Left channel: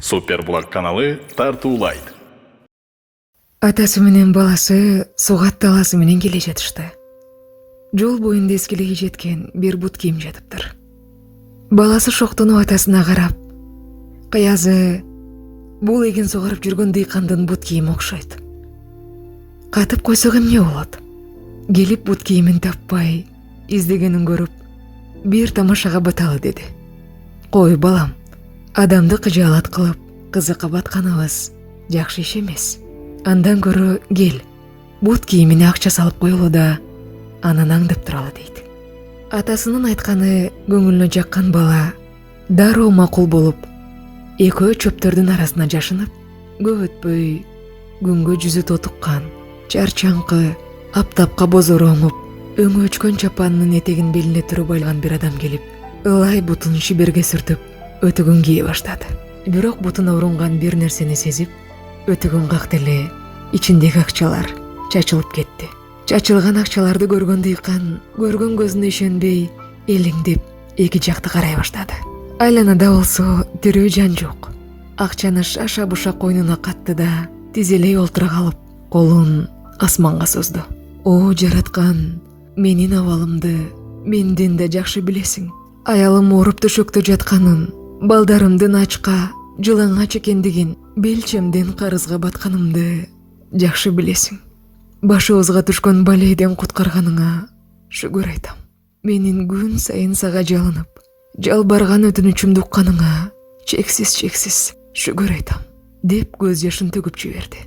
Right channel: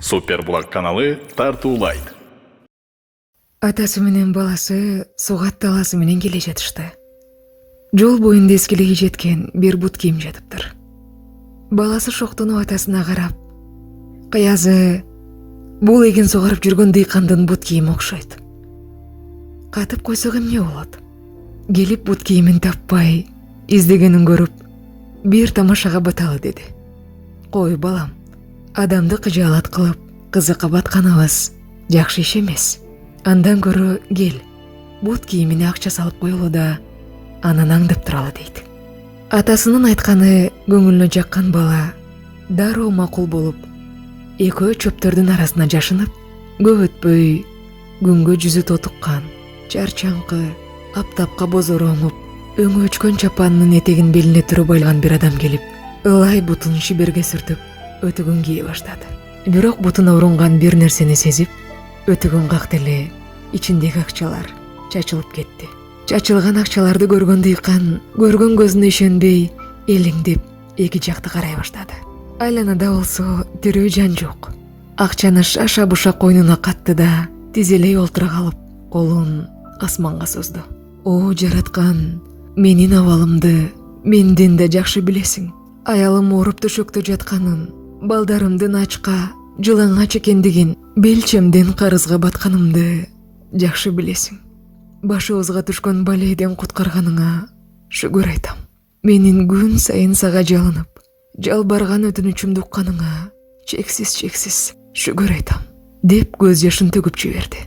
Супер Булак каналы тартуулайт. Атасы менен баласы сугат таласы менен келе жатышты. Жол боюнда эскилиги жеткен бир бут кийим жатыптыр. Баласы шоктонуп атасына карап, "Кыязы, бул эгин сугарып жүргөн дыйкандын бут кийими окшойт. Катып койсок эмне болот?" Келип бут кийимин таппай, издегенин көрүп, бир тамашага баталы деди. "Кой балам, адамды кыжаалат кылып, кызыкка батканыбыз жакшы иш эмес. Андан көрө кел, бут кийимине акча салып коелу да, анан аңдып туралы" дейт. Атасынын айтканы көңүлүнө жаккан бала дароо макул болуп, экөө чөптөрдүн арасына жашынып, көп өтпөй күнгө жүзү тотуккан, чарчаңкы, аптапка бозоронуп, өңү өчкөн чапанынын этегин белине туруп алган бир адам келип, ылай бутун шиберге сүртүп, өтүгүн кие баштады. Бирок бутуна урунган бир нерсени сезип, өтүгүн какты эле ичиндеги акчалар чачылып кетти. Чачылган акчаларды көргөн дыйкан көргөн көзүнө ишенбей, элеңдеп эки жакты карай баштады. Айланада болсо тирүү жан жок. Акчаны шаша буша койнуна катты да, тизелей олтура калып, колун асманга созду. "О жараткан, менин абалымды менден да жакшы билесиң. Аялым ооруп төшөктө жатканын, балдарымдын ачка, жылаңач экендигин, белчемден карызга батканымды жакшы билесиң. Башыбызга түшкөн балейден куткарганыңа шүгүр айтам. Менин күн сайын сага жалынып, жалбарган өтүнүчүмдү укканыңа чексиз шүгүр айтам" деп көз жашын төгүп жиберди.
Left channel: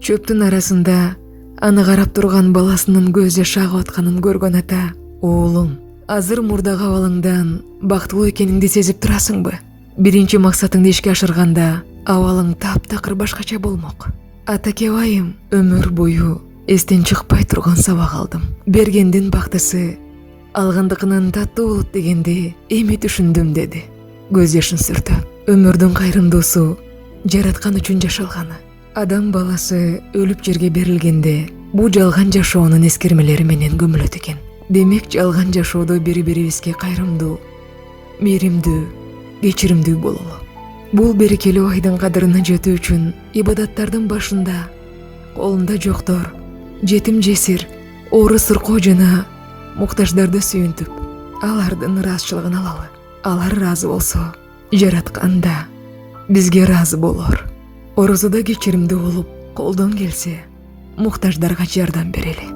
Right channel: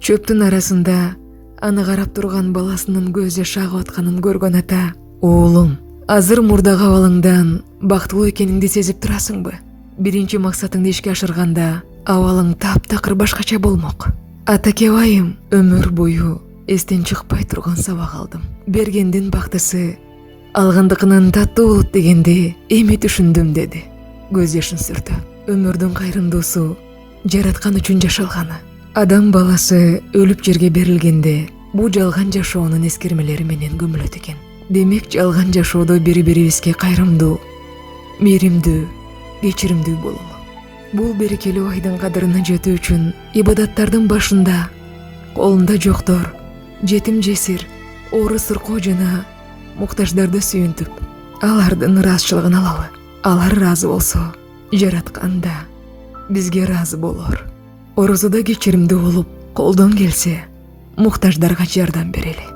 Чөптүн арасында аны карап турган баласынын көз жашы агып атканын көргөн ата: "Уулум, азыр мурдагы абалыңдан бактылуу экениңди сезип турасыңбы? Биринчи максатыңды ишке ашырганда абалың таптакыр башкача болмок. Атаке байым, өмүр бою эстен чыкпай турган сабак алдым. Бергендин бактысы алгандыкынан таттуу болот дегенди эми түшүндүм" деди. Көз жашын сүртүп, өмүрдүн кайрымдуусу жараткан үчүн жашалганы. Адам баласы өлүп жерге берилгенде бул жалган жашоонун эскермелери менен көмүлөт экен. Демек жалган жашоодо бири-бирибизге кайрымдуу, мээримдүү, кечиримдүү бололу. Бул берекелүү айдын кадырына жетүү үчүн ибадаттардын башында колунда жоктор, жетим жесир, оору суркоо жана муктаждарды сүйүнтүп, алардын ыраазычылыгын алалы. Алар ыраазы болсо, жараткан да бизге ыраазы болор. Орозодо кечиримдүү болуп, колдон келсе, муктаждарга жардам берели.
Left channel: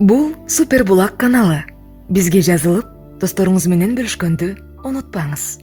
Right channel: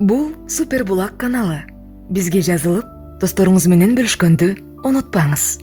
Бул Супер Булак каналы. Бизге жазылып, досторуңуз менен бөлүшкөндү унутпаңыз.